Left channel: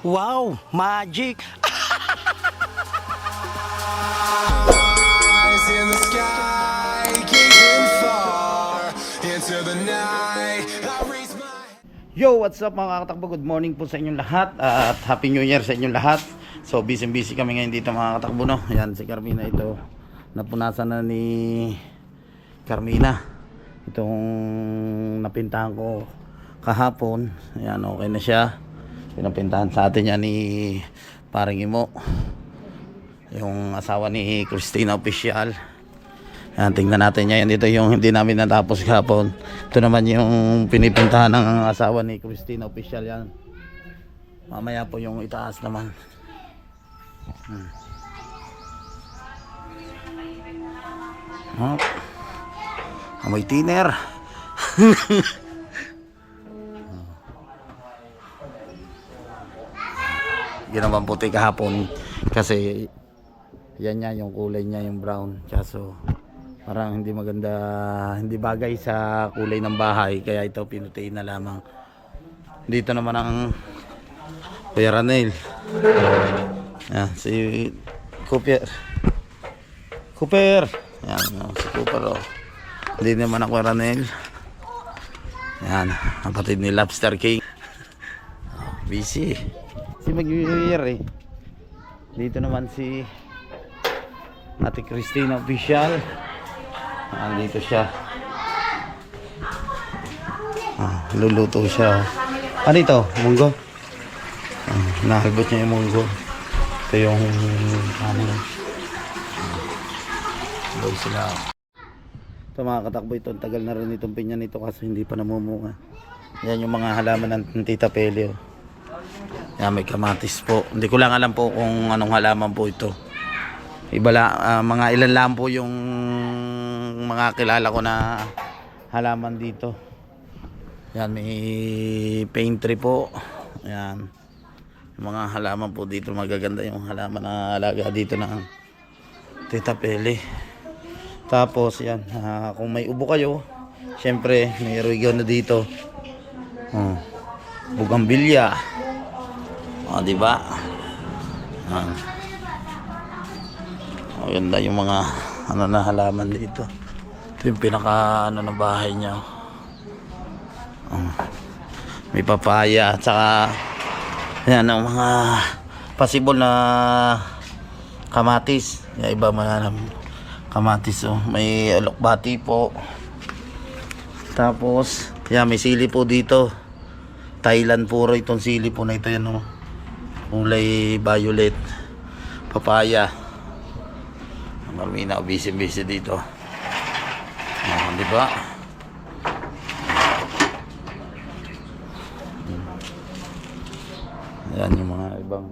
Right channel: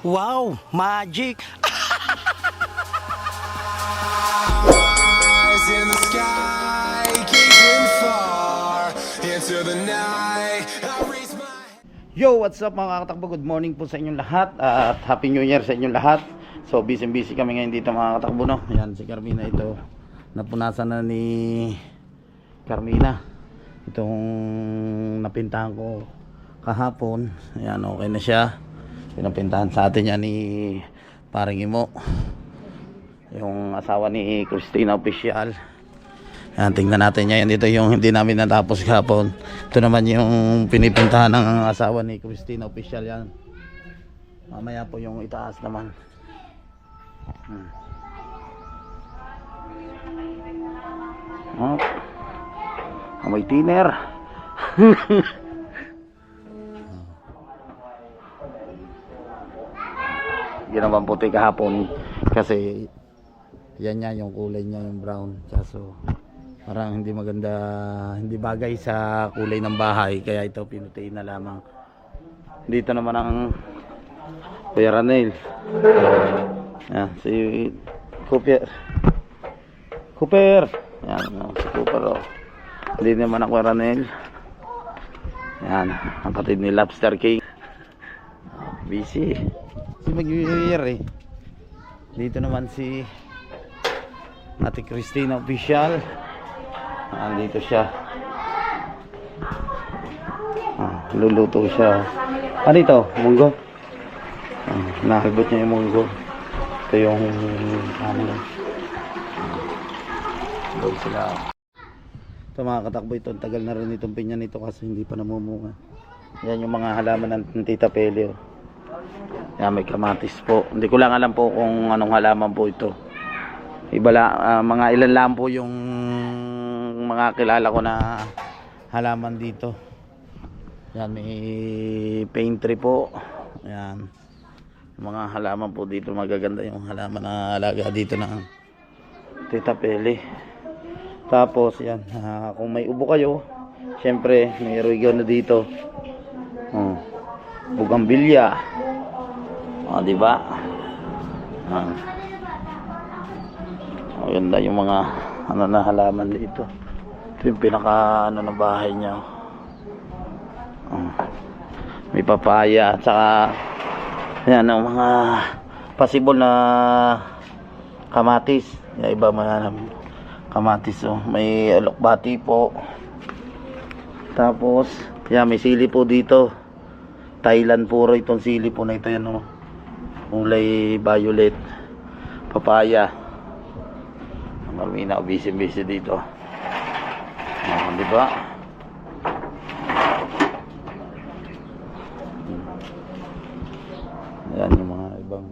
Wow, magic! Eyes in the sky, gazing far into the night. I raise my Yo, what's up mga katakbo? Good morning po sa inyong lahat at Happy New Year sa inyong lahat. So, busy-busy kami ngayon dito mga katakbo, no? Yan, si Carmina ito. Napunasan na ni Carmina. Itong napintahan ko kahapon. Ayan, okay na siya. Pinapintahan sa atin yan ni paring Imo. Yung asawa ni Christina Official. Yan, tingnan natin yan. Dito yung hindi namin natapos kahapon. Ito naman yung pinipintahan ng asawa ni Christina Official yan. Mamaya po yung itaas naman. Hmm. Oh. Amoy tiner. Ginawang puti kahapon. Kasi yan niya yung kulay niya yung brown. Kaso parang hindi maganda hindi bagay sa kulay ng bahay. Kaya ito pinutiin na lamang. Dito naman ang Kuya Ranel. Yan si Cooper Cooper yan si Cooper oh. hindi naman ako Ranel. Yan kapatid ni Lobster King. Oh, busy si mag-year eh dito naman si Ate Christina Official. Andito siya. Ah, luluto siya. Ano ito? Munggo? Ah, nahalbot niya yung munggo. Ito yung ano. Doon sila. Ito mga katakbo ito. Tagal na rin itong pinya nito kasi hindi pa namumunga. Yan yung mga halaman ng Tita Pelio. Yan may kamatis po. Hindi ko lang alam po kung anong halaman po ito. Iba la, ah, mga ilan lang po yung mga kilala ko na halaman dito. Yan may paint tree po. Yan. Yung mga halaman po dito magaganda yung halaman na alaga dito ng tita Pele. Tapos yan ah, kung may ubo kayo syempre may na dito. Oh, bugambilya oh, di ba ah. Maganda yung mga ano na halaman dito. Ito yung pinaka ano na bahay niya. Oh. May papaya at saka yan ang mga possible na kamatis. Yung iba mga kamatis oh. May alokbati po. Tapos yan may sili po dito. Thailand puro itong sili po na ito yan oh. Kulay violet. Papaya. Marmina, busy-busy dito. Ah, di ba? Yan yung mga ibang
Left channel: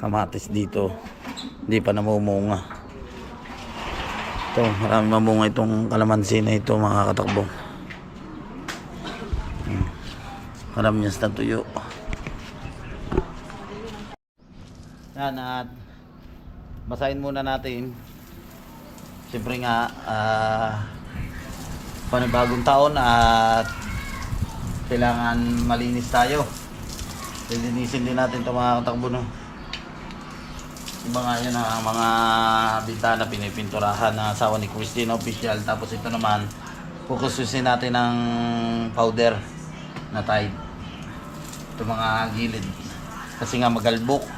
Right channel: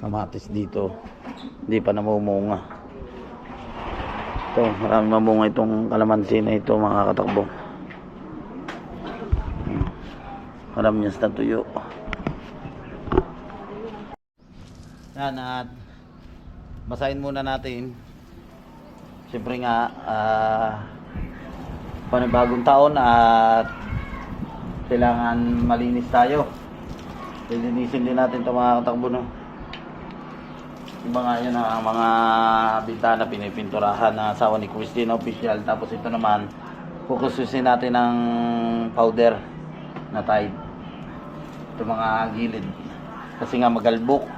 kamatis dito. Hindi pa namumunga. Ito, marami mamunga itong kalamansi na ito mga katakbo. Hmm. Marami yan sa tuyo. Yan at basahin muna natin. Siyempre nga ah panibagong taon at kailangan malinis tayo. Lilinisin din natin ito mga katakbo no? Iba nga yun ang mga bintana pinipinturahan ng asawa ni Christina official. Tapos ito naman kukususin natin ng powder na tide. Ito mga gilid. Kasi nga magalbok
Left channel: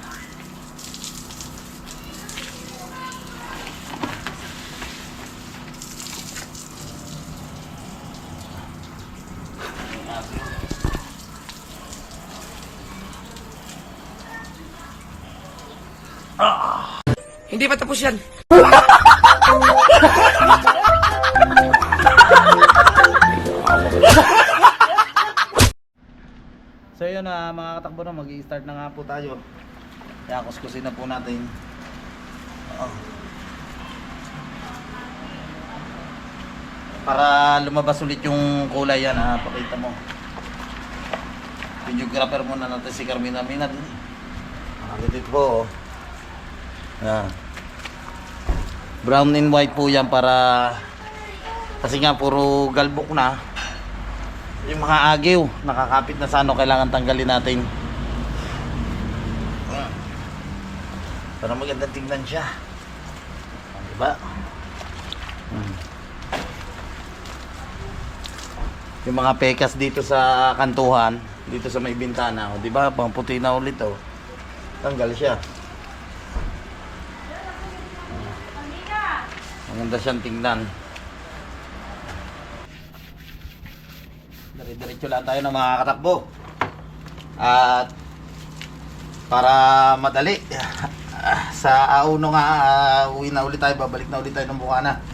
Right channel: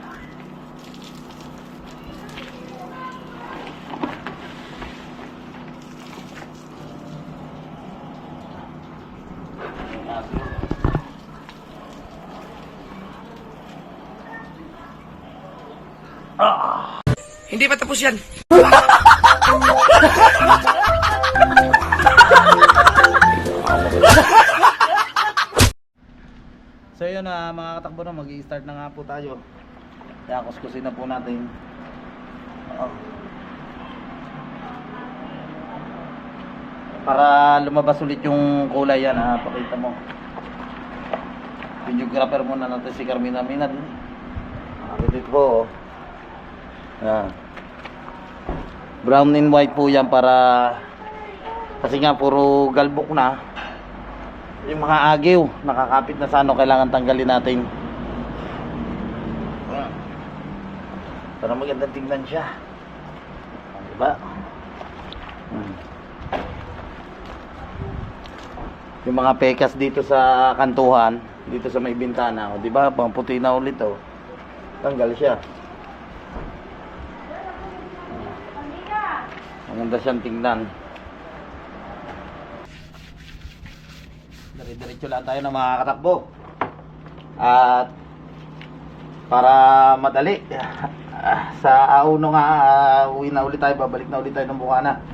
Hindi pa tapos yan. So yun na mga katakbo na mag-i-start na nga po tayo. Kaya kuskusin na po natin. Oo. Para lumabas ulit yung kulay yan ha, pakita mo. Videographer muna natin si Carmina Mina din. Ah, dito po. oh. Yan brown and white po yan para kasi nga puro galbok na. Yung mga agyo nakakapit na sa ano kailangan tanggalin natin. Para magandang tingnan siya. Diba hmm. yung mga pekas dito sa kantuhan dito sa may bintana oh, o diba pang puti na ulit o tanggal siya. Maganda siyang tingnan. Dire-diretso lang tayo ng mga katakbo. At para madali sa auno nga ah, uwi na ulit tayo babalik na ulit tayo ng Bukana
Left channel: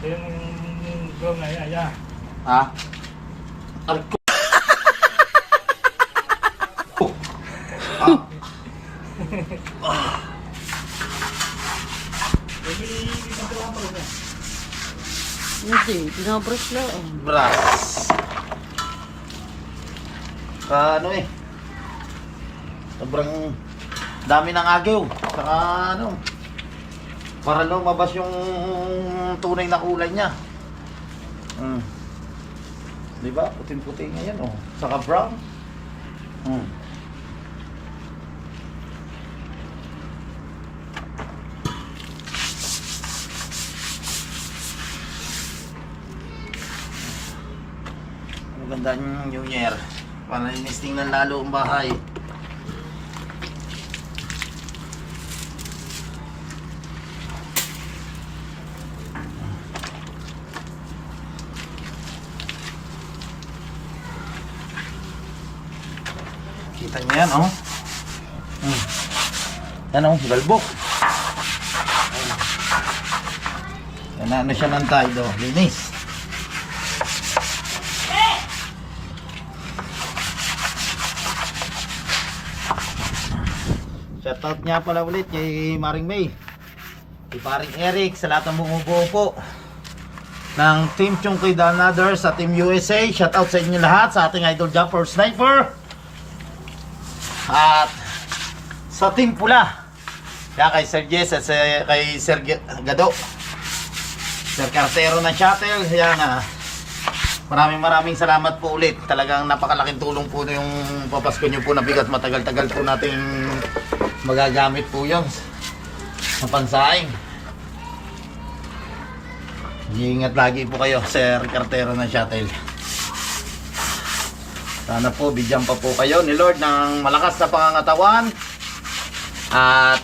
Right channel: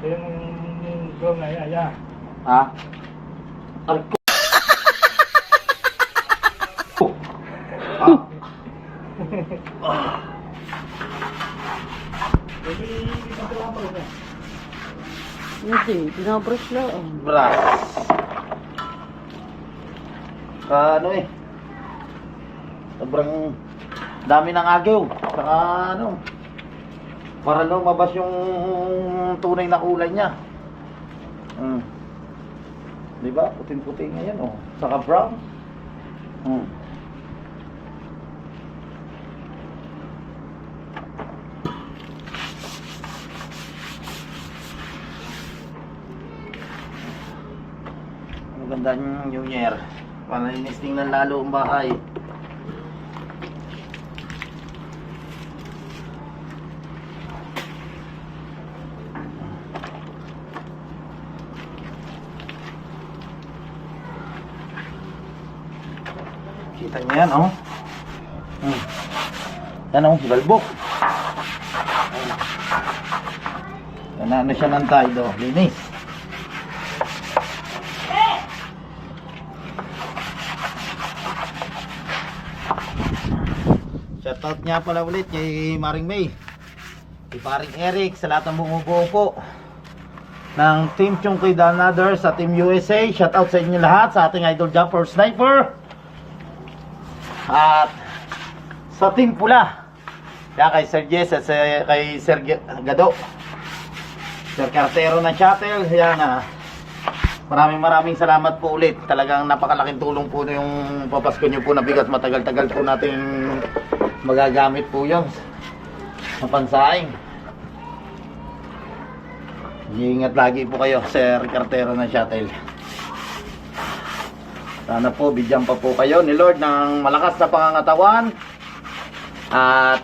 Ito yung drone na yan, yan. ha Aray ko. ah, Hindi, binabrush lang. brass ka ano eh sobrang dami ng agaw saka ano para lumabas yung tunay na kulay niya mm. di ba puting puti ngayon oh saka brown mm. Maganda yung New Year. Panalinis tingnan lalo ang bahay. Kita niyo yan, oh. Hmm. Yan, oh, galbok. Yan, ano siya ng tide, oh. Linis. Shoutout nga pala ulit kay Maring May. Kay Paring Eric sa lahat ng bumubuo ng Team Chungkoy Danador sa Team USA. Shoutout sa inyo lahat sa ating idol jumper sniper. At sa Team Pula. Kaya kay Sir Jess at kay Sir Gado. Sir Cartero ng shuttle. Yan ah. Maraming maraming salamat po ulit. Talagang napakalaking tulong po yung papasko nyo po na bigat. Matagal-tagal po natin magagamit po yun sa pansaing. Iingat lagi po kayo, Sir Cartero ng shuttle. Sana po, bigyan pa po kayo ni Lord ng malakas na pangangatawan at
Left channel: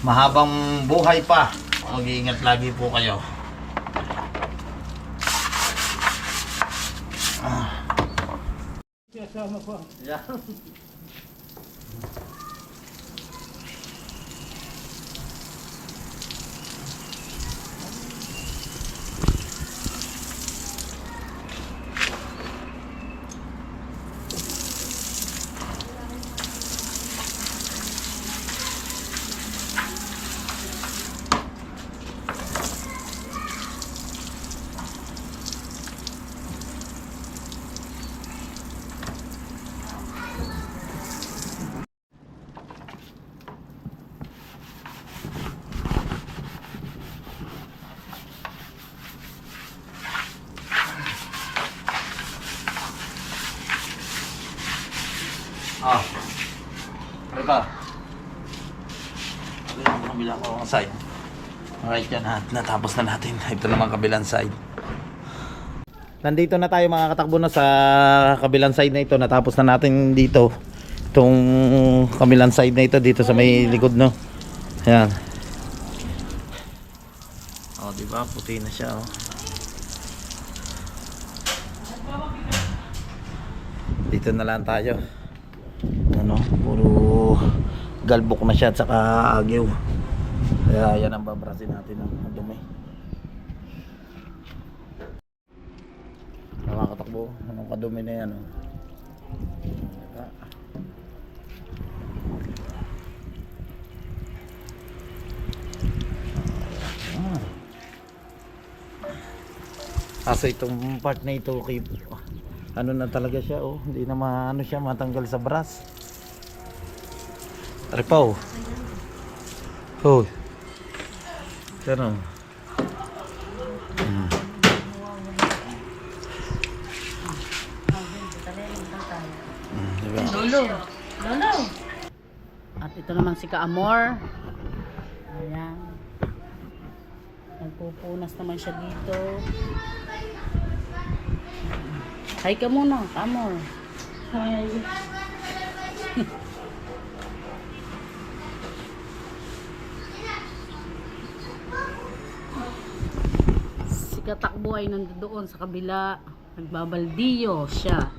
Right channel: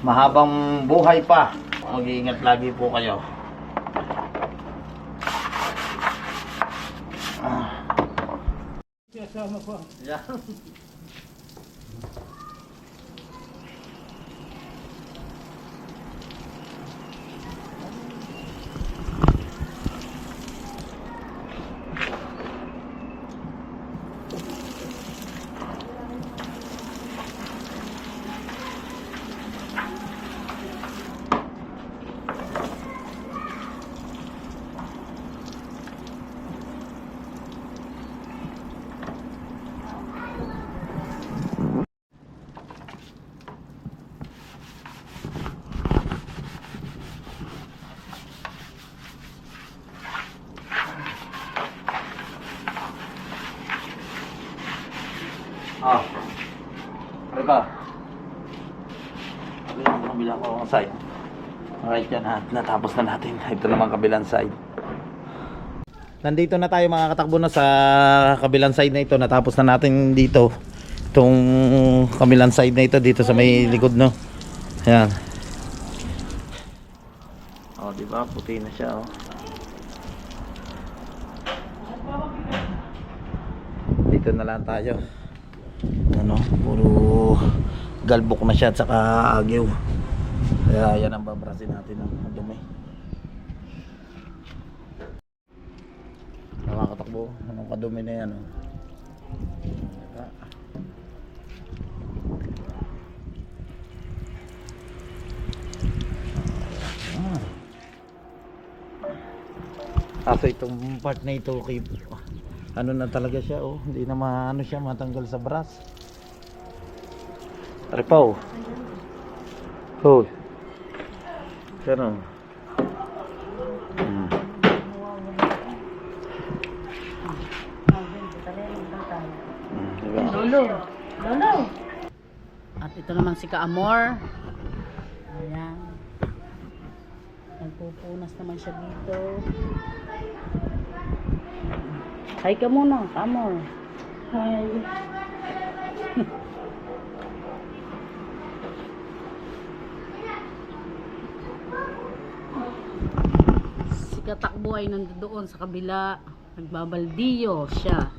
mahabang buhay pa. Mag-iingat lagi po kayo. Ko. Yeah. Ah. Ano ba? Ano yung kabila ko ang side? Alright yan at natapos na natin. Ito naman kabilang side. Nandito na tayo mga katakbo na sa kabilang side na ito. Natapos na natin dito. Itong kabilang side na ito dito sa may likod no. Ayan. Oh, di ba? Puti na siya oh. Dito na lang tayo. Ano, puro galbok na siya at saka agyo. Kaya yan ang babrasin natin ng dumi. Nakakatakbo. Anong kadumi na yan. Oh. Ah. Kaso itong part na ito kay ano na talaga siya oh hindi na maano siya matanggal sa brass Ripaw oh pero hmm. Hmm, diba? Dulo. At ito naman si Kaamor. Ayan. Nagpupunas naman siya dito. Hi ka muna, Kaamor. Hi. Si Katakbo ay nandoon sa kabila. Nagbabaldiyo siya.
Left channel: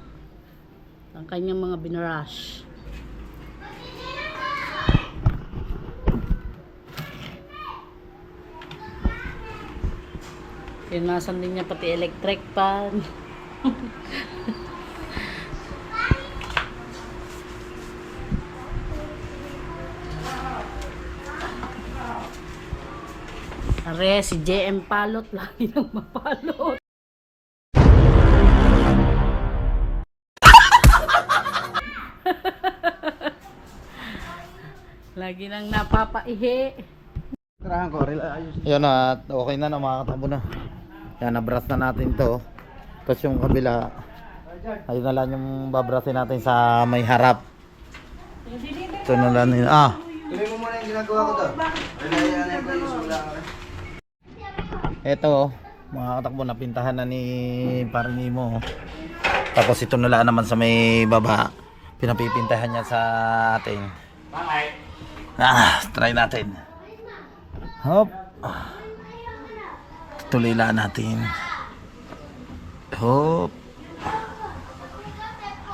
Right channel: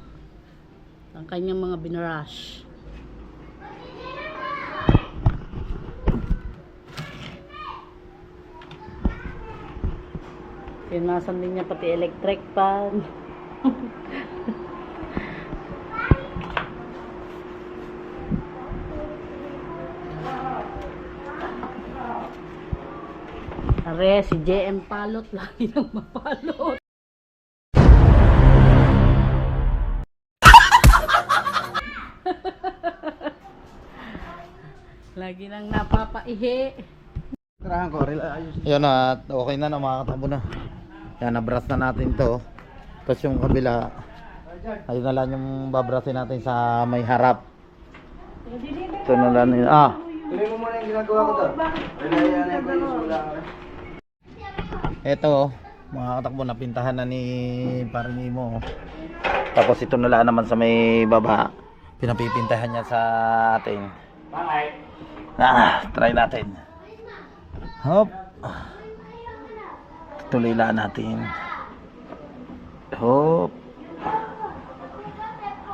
Ang kanyang mga binrush. Tinasan din niya pati electric pan. Are, si JM Palot, lagi nang mapalot. lagi nang napapaihi. Yan na, at okay na na mga katakbo na. Yan, nabras na natin to. Tapos yung kabila, ayun na lang yung babrasin natin sa may harap. Ito na lang yun. Ah, Ito, mga katakbo, napintahan na ni Parinimo. Tapos ito nila naman sa may baba. Pinapipintahan niya sa atin. Ah, try natin. Hop. Tuloy lang natin. Hop.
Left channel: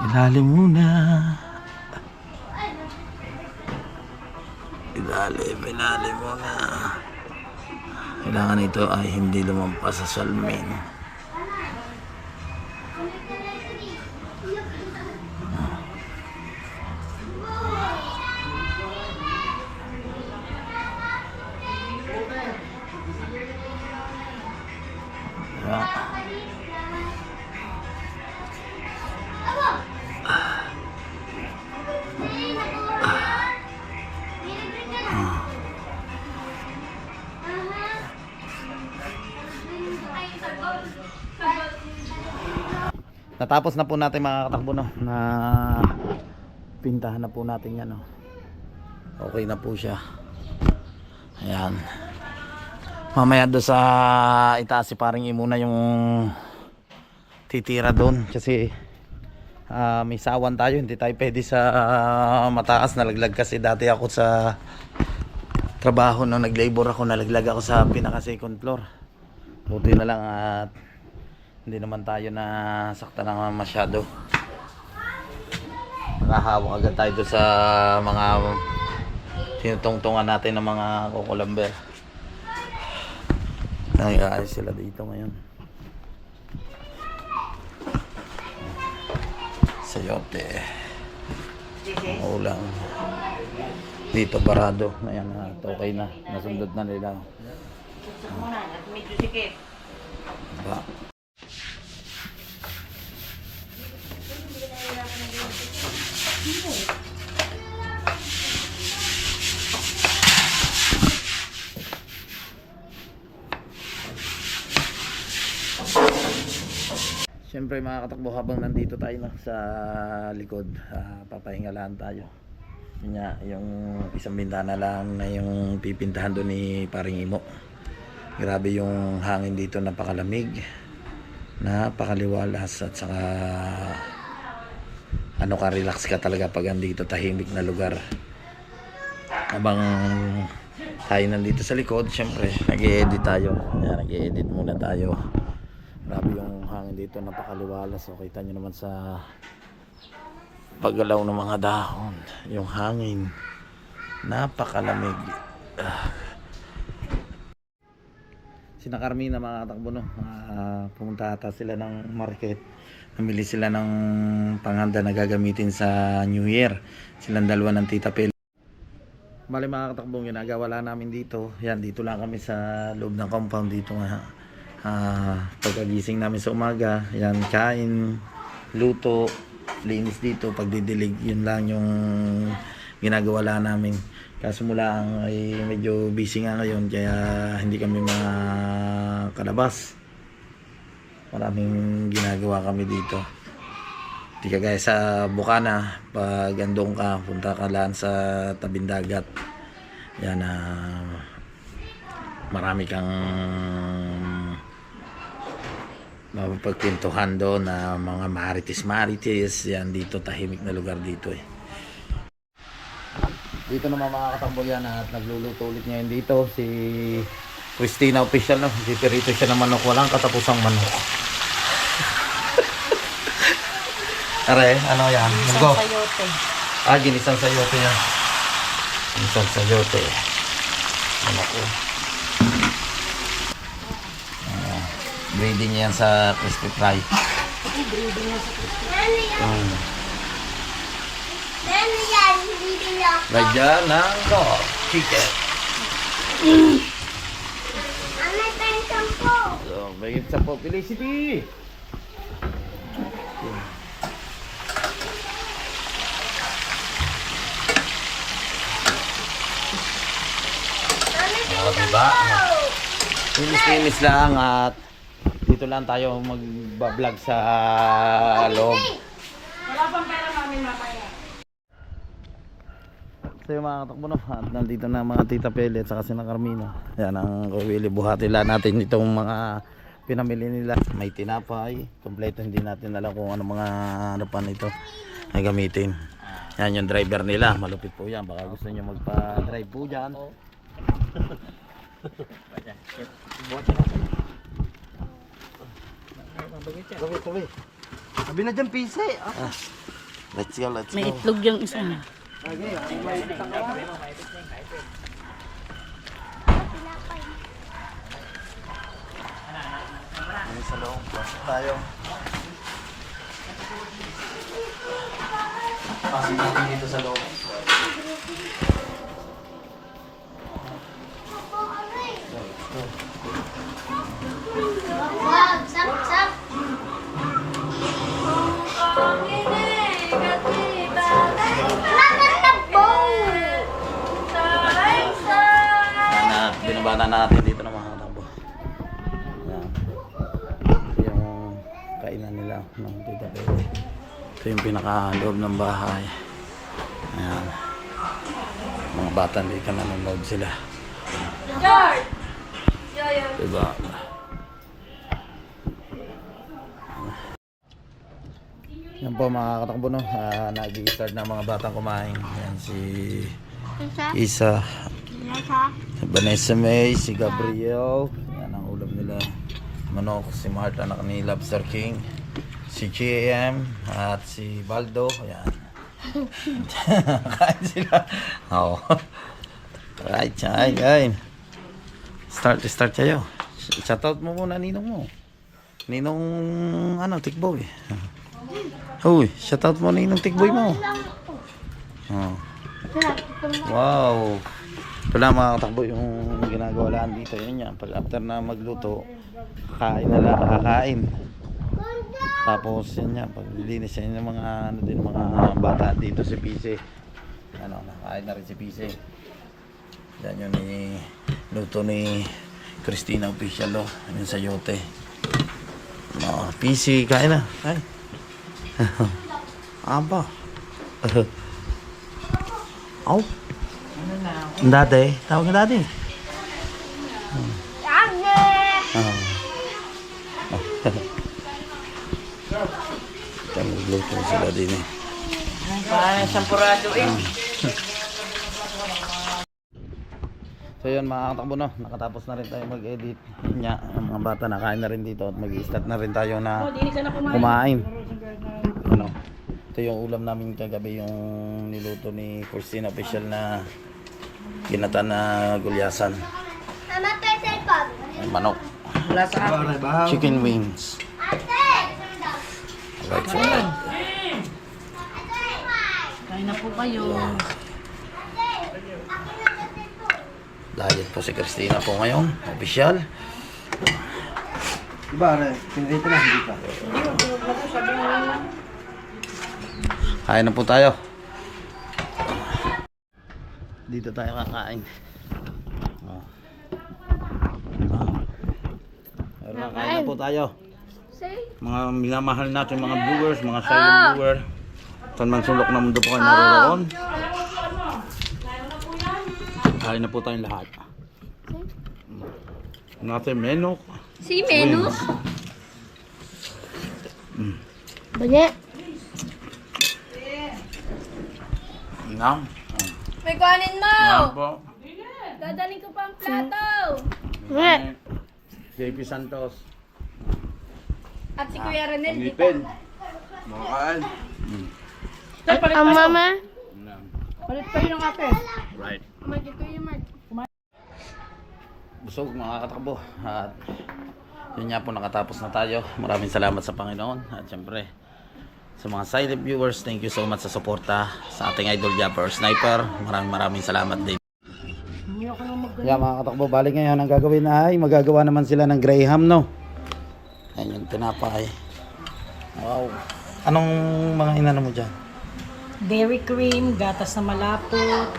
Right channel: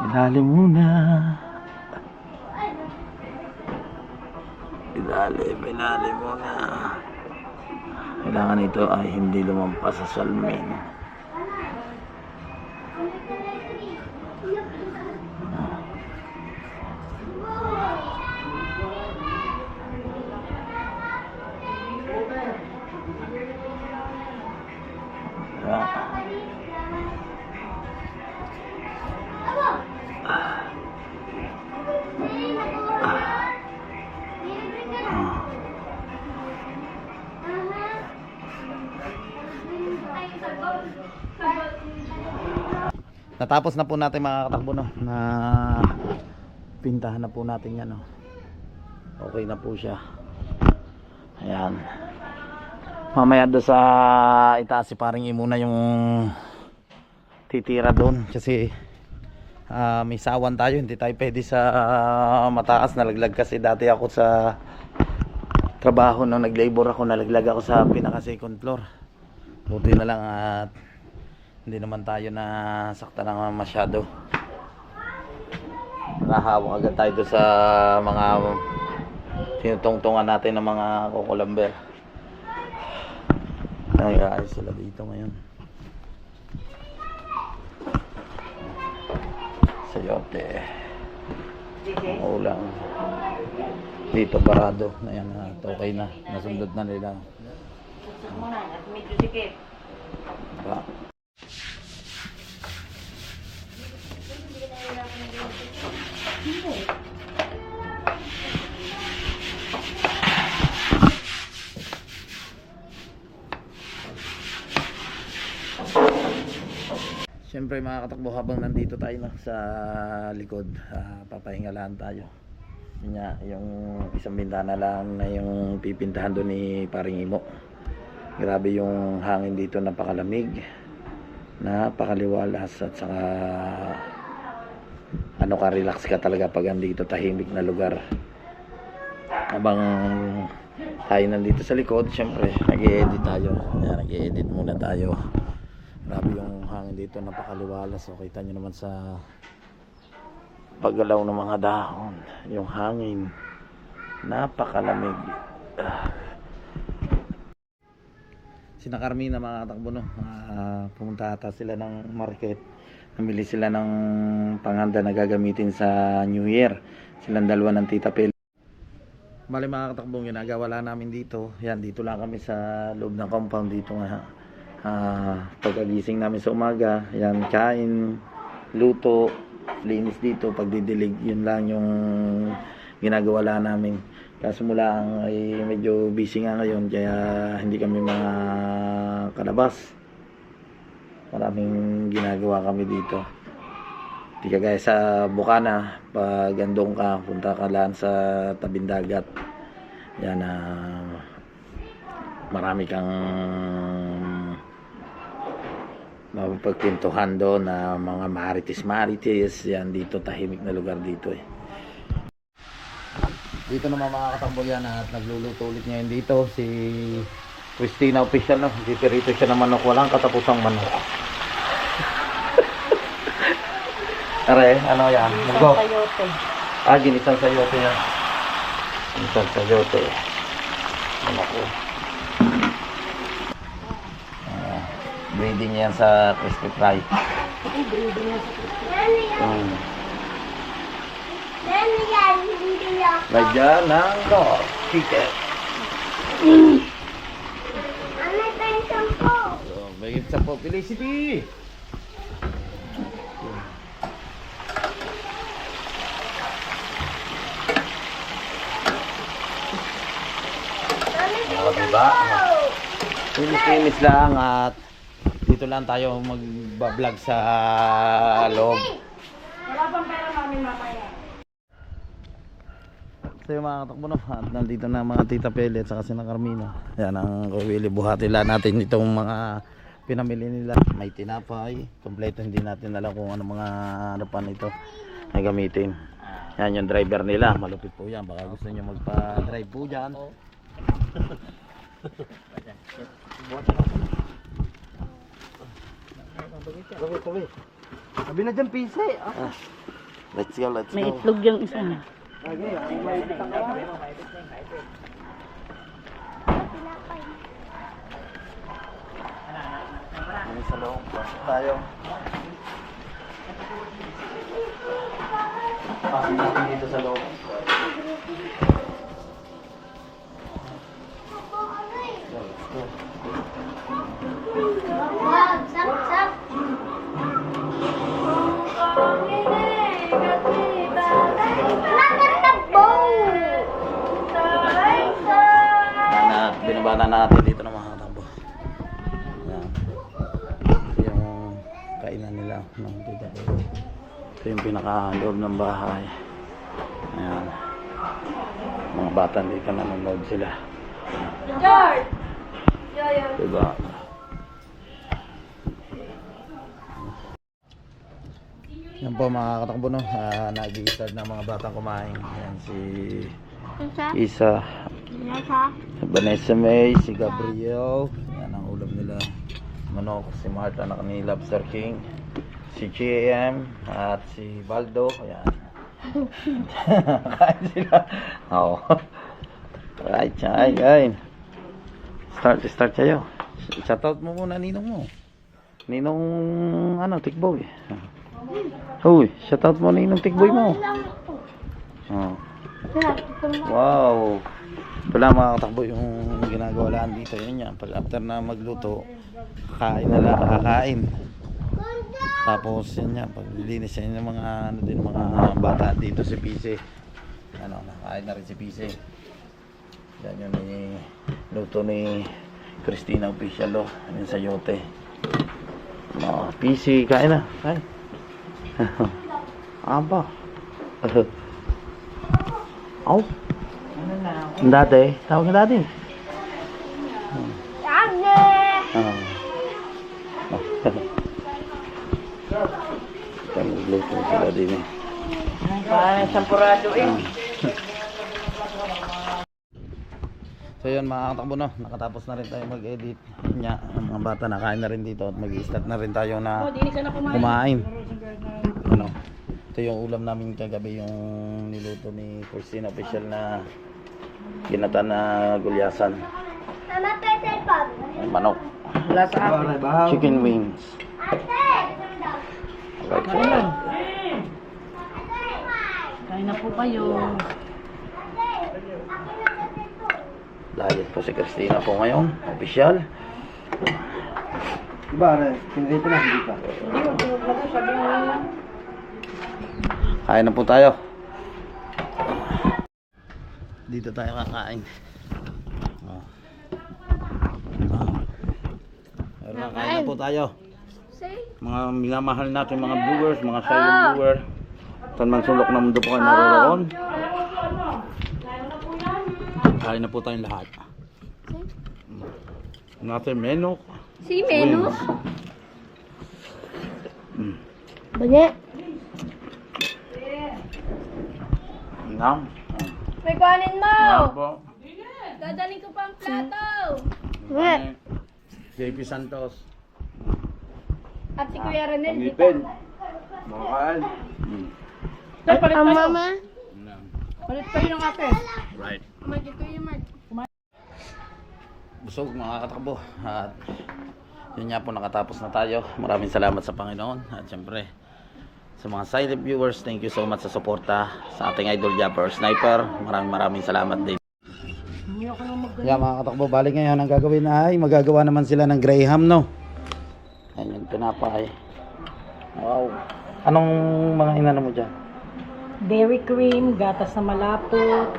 Ilalim muna. Ilalim, ilalim muna. Kailangan ito ay hindi lumampas sa salmin. Natapos na po natin mga katakbo no na pintahan na po natin yan no. Okay na po siya. Ayan. Mamaya doon sa itaas si paring imuna yung titira doon kasi ah, may sawan tayo hindi tayo pwede sa ah, mataas nalaglag kasi dati ako sa trabaho nung nag-labor ako nalaglag ako sa pinaka second floor buti na lang at hindi naman tayo na sakta ng masyado nakahawak agad tayo doon sa mga tinutungtungan natin ng mga kukulamber Nag-aayos sila dito ngayon. Sayote. Ulang. Dito parado. Ayan na. Okay na. Nasundot na nila. Diba? Siyempre mga katakbo habang nandito tayo no, sa likod, ah, papahinga lang tayo. Nga, yung isang bintana lang na yung pipintahan doon ni Paring Imo. Grabe yung hangin dito, napakalamig. Napakaliwalas at saka ano ka, relax ka talaga pag andito tahimik na lugar. Habang tayo nandito sa likod, syempre, nag-edit tayo. Nag-edit muna tayo. Grabe yung hangin dito, napakaliwalas. So, kita nyo naman sa paggalaw ng mga dahon. Yung hangin, napakalamig. Ah. Sina Carmina mga katakbo no, Ah, pumunta ata sila ng market. Namili sila ng panghanda na gagamitin sa New Year. Silang dalawa ng Tita Pel. Bali mga katakbong ginagawa lang namin dito. Yan, dito lang kami sa loob ng compound dito nga. Ah, pagkagising namin sa umaga, yan, kain, luto, linis dito, pagdidilig, yun lang yung ginagawa namin. Kaso mula ang ay medyo busy nga ngayon, kaya hindi kami makalabas. Maraming ginagawa kami dito. Di ka gaya sa Bukana, pag andong ka, punta ka lang sa tabing dagat. Yan na marami kang mapapagpintuhan doon na mga maritis-maritis. Yan dito, tahimik na lugar dito eh. Dito naman mga katambol yan at nagluluto ulit ngayon dito si Christina Official no. Dipirito siya ng manok. Walang katapusang manok. Are, ano yan? Munggo. Sayote. Ah, ginisang sayote yan. Ginisang sayote. Ano ko. Ah, breeding yan sa crispy fry. Mm. Right dyan ng dog. Chicken. So, may sa po. Felicity! Oh, diba? Linis-linis lang at dito lang tayo mag-vlog sa loob. So yung mga katakbo no, at nandito na mga tita Pele at saka si na Carmino. Yan ang kawili buhati lang natin itong mga pinamili nila. May tinapay, kompleto hindi natin alam kung ano mga ano pa nito ay gamitin. Yan yung driver nila, malupit po yan. Baka gusto nyo magpa-drive po dyan. Sabi na dyan, pise. Let's go, let's May go. itlog yung isa. Ano sa loob? Pasok tayo. Pasok natin dito sa loob. Binabana natin dito ng mga tabo. Yan. Ito yung kainan nila ng tita Pero. Ito yung pinaka-loob ng bahay. Ayan. Mga bata hindi ka nanonood sila. Diba? Yan po mga katakbo no. Uh, Nag-i-start na mga batang kumain. Yan si Isa. Vanessa May, si Gabriel. Yan ang ulam nila. Manok, si Marta anak ni Lobster King. Si GM at si Baldo. Ayan. Kain sila. Oo. Right, kain, kain. Start, start kayo. Shoutout mo muna ninong mo. Ninong, ano, tikboy. Uy, shoutout mo ninong tikboy mo. Oh. Wow. Lang mga katakbo yung ginagawa lang dito. Yun yan. Pag after na magluto, kakain na lang, kakain. Tapos yun yan. Pag linis yan yung mga, ano din, mga bata dito si PC. Ano, nakain na rin si PC. Yan yung ni, luto ni Christina Official oh. Yung sayote. Oh, PC, kain na. Kain. Aba. Aw. Ang dati, tawag nga dati. Ah. Nagluto sila din eh. Parang sampurado eh. So yun mga katakbo no, nakatapos na rin tayo mag-edit. Nga, ang mga bata nakain na rin dito at mag-start na rin tayo na Oh, na kumain. Ano? Ito yung ulam namin kagabi yung niluto ni Christine official na ginata na gulyasan. Ang manok. Wala sa akin. Chicken wings. Right, so, Kain na po kayo. diet po si Christina po ngayon. Official. Diba, pinrito na, hindi pa. Kain na po tayo. Dito tayo kakain. Oh. Oh. Ayun na, kain na po tayo. mga minamahal natin mga viewers, mga silent viewer. Saan man sulok na mundo po kayo naroon. Kain na po tayong lahat. Natin menok. Si Menus. Banya. Nam. May kanin mo. Nam po. Dadaling ko pa ang plato. JP Santos. At si Kuya pa. Ngipin. Makakaan. Ang mama. Palit pa yung ate. Right. Kumain ko yung. Busog mga katakbo. At yun nga po nakatapos na tayo. Maraming salamat sa Panginoon. At syempre sa mga silent viewers, thank you so much sa suporta sa ating idol Japper Sniper. Maraming maraming salamat din. Yeah, mga katakbo, balik ngayon ang gagawin ay magagawa naman sila ng Graham, no? Ayan yung tinapay. Wow. Anong mga inano mo dyan? Dairy cream, gatas na malapot,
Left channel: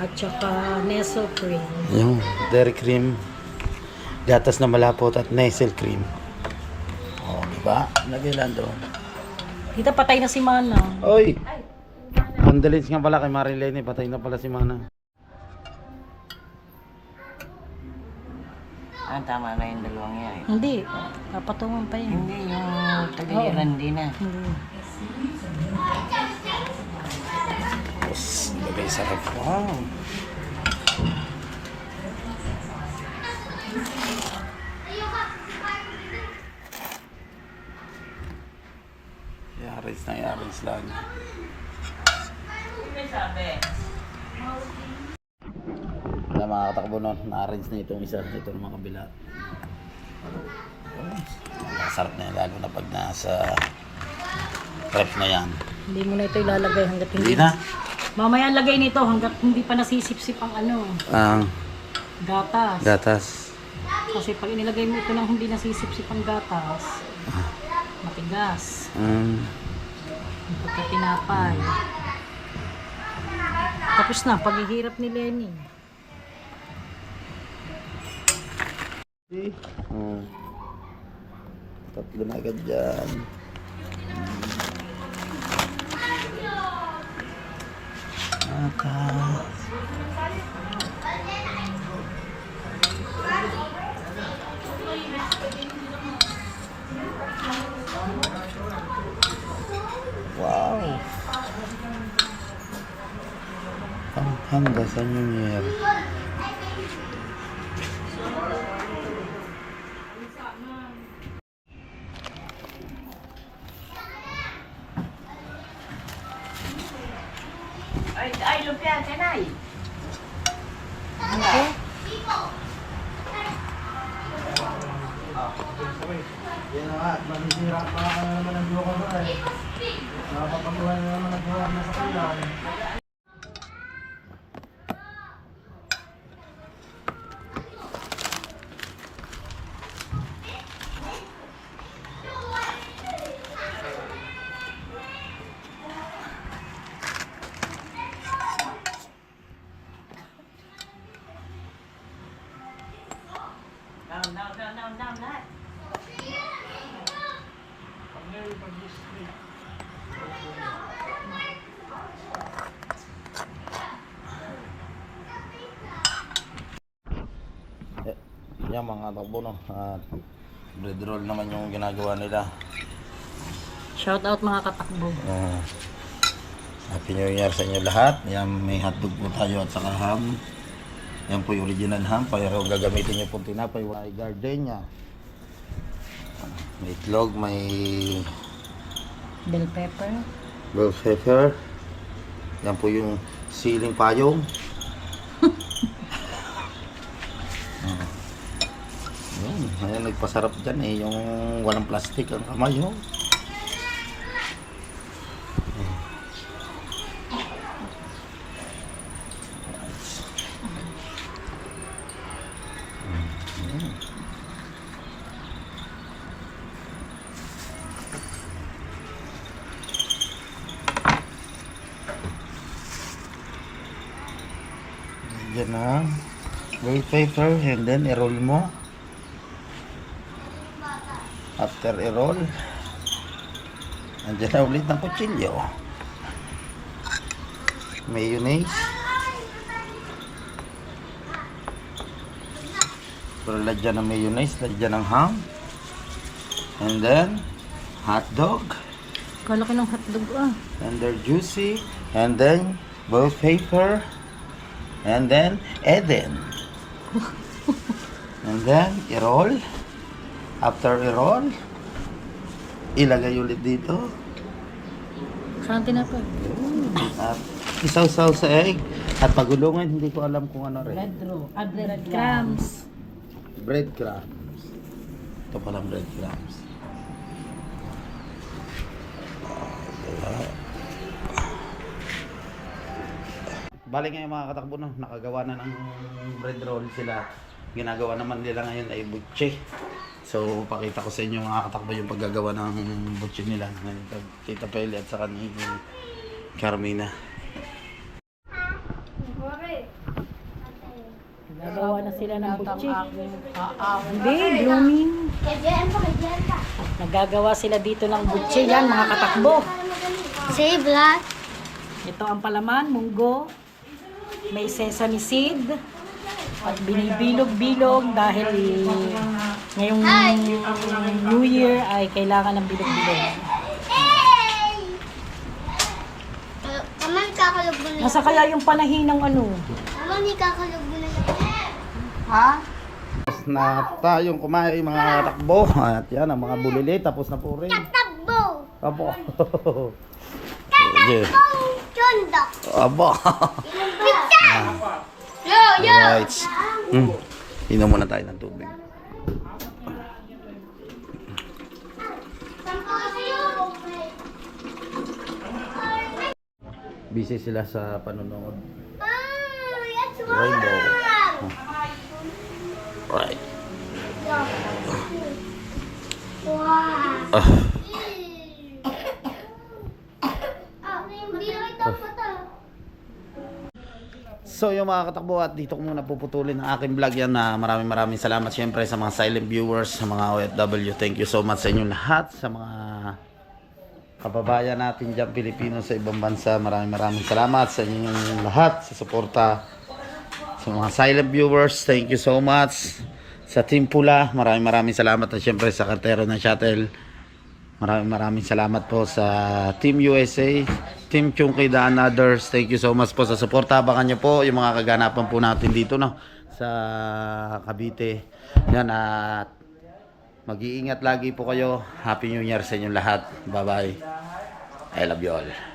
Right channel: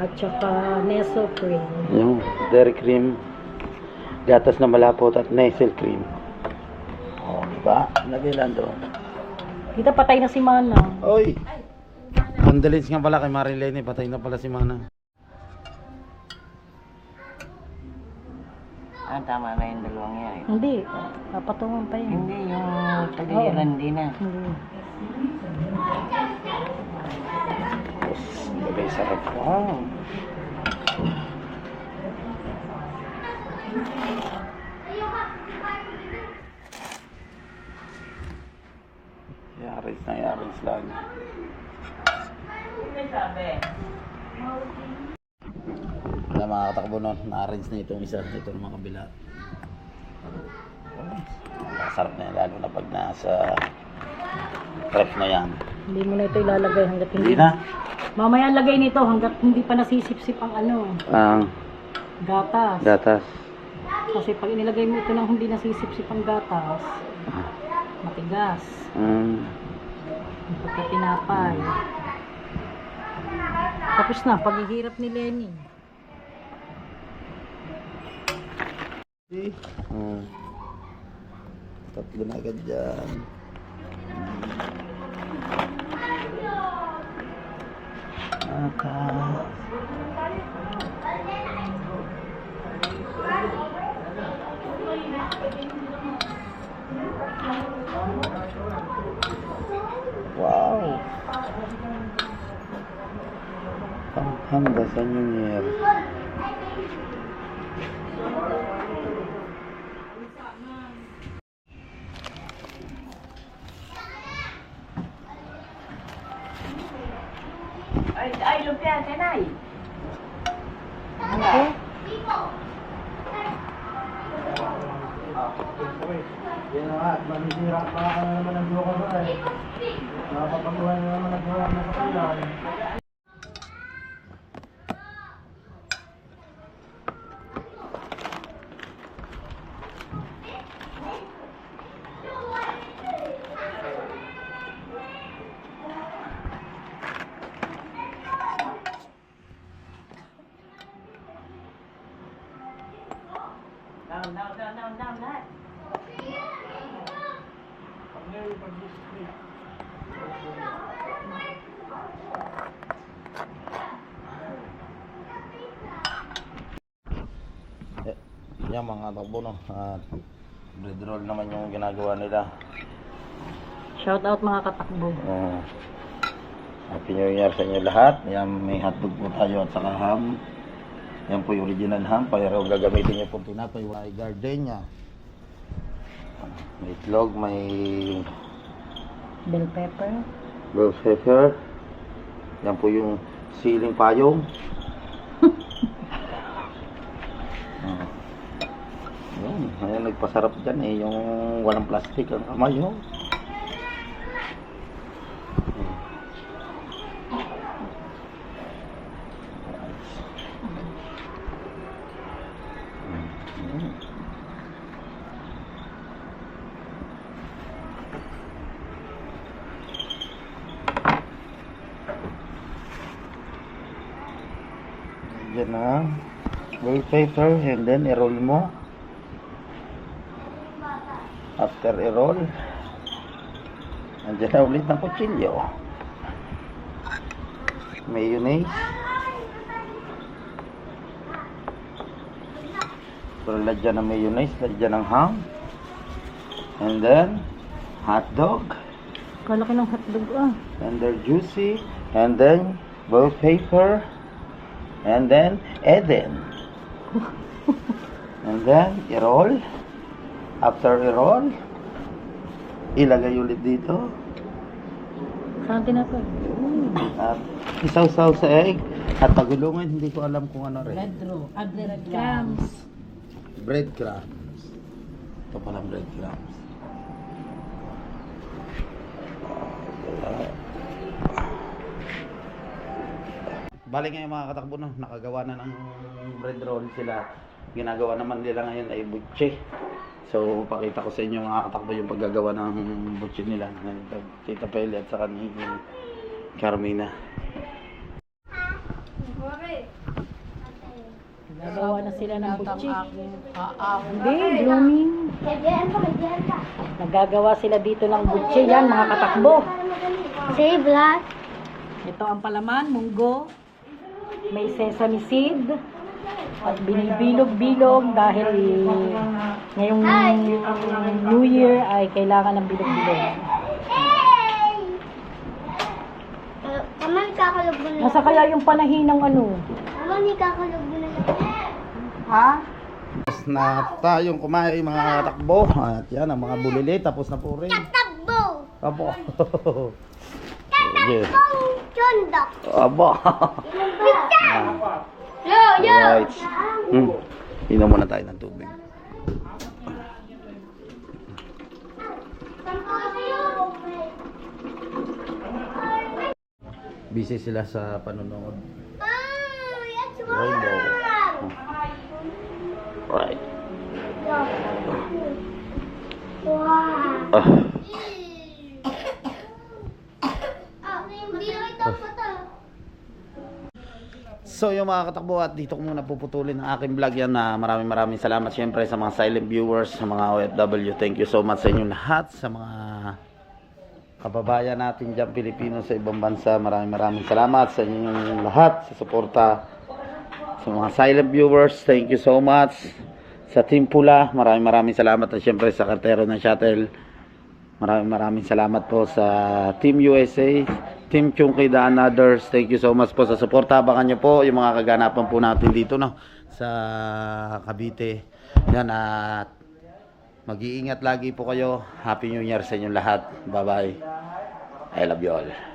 at saka Nestle cream. Yung dairy cream, gatas na malapot at nasal cream. Oh, di ba? Lagay lang doon. Dito patay na si Mana. Oy! Condolence nga pala kay Marilene, patay na pala si Mana. Ah, tama na yung dalawang yan. eh. Hindi, papatungan pa yun. Hindi, yung taga-Irandi na. Hindi. Tapos, bagay sarap. Wow! Yaris na yaris lang. Wala mga katakbo nun, na-arrange na itong isa, itong mga kabila. Masarap na yan, lalo na pag nasa prep na yan. Hindi mo na ito ilalagay hanggat Hindi hindi. na. Mamaya lagay nito hanggat hindi pa nasisip-sip ang ano, Ang gatas. gatas. Kasi pag inilagay mo ito nang hindi nasisip-sip ang gatas, matigas. Mm. Yung pagkatinapay. Tapos na, paghihirap ni Lenny. Mm. Tatlo na agad dyan. Aka. Wow. Pampanga sa New Year. Ay, ay, lumpia, kanay. Yan na nga, manisira pa na naman ang buka ko eh. Nakapapagawa na naman ang buka na sa kulay. Yan mga takbo no. At bread roll naman yung ginagawa nila. Shout out mga katakbo. Uh, Happy New Year sa inyo lahat. Yan, may hotdog po tayo at saka ham. Yan po yung original ham. Pero gagamitin niyo po tinapay. May gardenia. May itlog, may Bell pepper. bell pepper. Yan po yung siling payong. Ah. Yan, ayan, nagpasarap dyan eh, yung walang plastic ang kamay, oh. Yan na. Bell pepper and then i-roll mo. After i-roll, nandiyan na ulit ng kutsilyo. Mayonnaise. Pero lagyan ng mayonnaise, lagyan ng ham. And then, hot dog. Kalaki ng hotdog ah. And they're juicy. And then, bell pepper. And then, Eden. and then, i-roll. After i-roll, ilagay ulit dito. Saan tinapay? At isaw-saw sa egg. At pagulungan, hindi ko alam kung ano rin. Red row. Ah, red crumbs. Breadcrumbs. Ito palang breadcrumbs. Bali ngayon mga katakbo no, nakagawa na ng bread roll sila. Ginagawa naman nila ngayon ay butche. So pakita ko sa inyo mga katakbo yung paggagawa ng butche nila. Ng Tita Peli at saka ni Carmina. Nagawa na sila ng butchi. Hindi, blooming. Nagagawa sila dito ng butchi. Yan, mga katakbo. Say black. Ito ang palaman, munggo. May sesame seed. At binibilog-bilog dahil ngayong New Year ay kailangan ng bilog-bilog. Kaman kakalog mo na. Nasa kaya yung panahin ng ano? Kaman ni kakalog mo na. Tapos na tayong kumain mga katakbo. At yan ang mga bulili. Tapos na po rin. Abo. Sige. Pang chondok! Abo. Pizza! Yo, yo! Alright. Hmm. Inom muna tayo ng tubig. Busy sila sa panonood. Ah, yes, Rainbow. wow! Right. Wow! Ah. Ah, hindi na kita mata. So yung mga katakbo at dito ko muna puputulin ang aking vlog yan na maraming maraming salamat syempre sa mga silent viewers, sa mga OFW. Thank you so much sa inyo lahat, sa mga kababayan natin dyan Pilipino sa ibang bansa. Maraming maraming salamat sa inyong lahat sa suporta. Sa mga silent viewers, thank you so much. Sa Team Pula, maraming maraming salamat at syempre sa kartero ng shuttle. Maraming maraming salamat po sa Team USA, Team Chunky The Others. Thank you so much po sa suporta. Abangan nyo po yung mga kaganapan po natin dito no, sa Cavite. Yan at mag-iingat lagi po kayo. Happy New Year sa inyong lahat. Bye-bye. I love you all.